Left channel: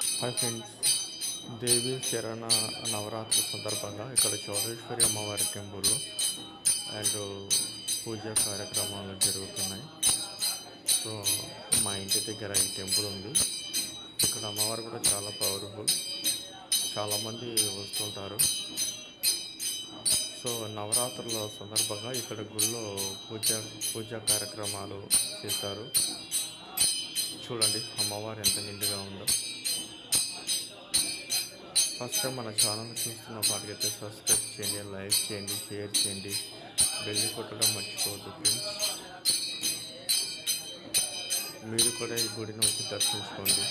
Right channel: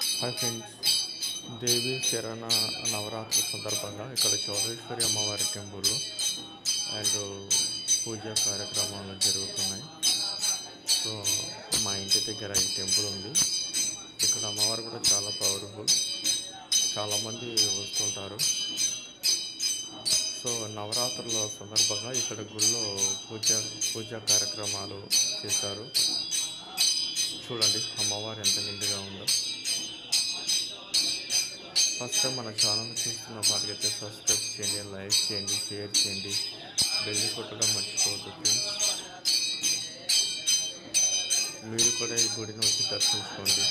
Hi friends, దేవి శరణ నవరాత్రి సందర్భంగా ఇక్కడ చౌడేశ్వరి అమ్మవారి టెంపుల్ అండ్ పూజా కార్యక్రమాలు జరుగుతున్నాయి. సో మా ఇంటి దగ్గర ఈ టెంపుల్ ఉంది. ఇక్కడ అమ్మవారు కూడా చాలా పవర్ఫుల్, చాలామంది వస్తుంటారు. సో నవరాత్రుల సందర్భంగా ఇక్కడ గుళ్ళో పూజా కార్యక్రమాలు చేశారు. చూడండి అమ్మవారు ఎంత నిండుగా ఉందో. ఫస్ట్ టైం మన ఛానల్ చూస్తున్న వారికైతే సబ్స్క్రైబ్ చేయండి, లైక్ చేయండి, షేర్ చేయండి, బెల్ కొట్టడం మర్చిపోవద్దు ఫ్రెండ్స్. మీరు కూడా ఈ గుడిని వచ్చి దర్శించుకోండి.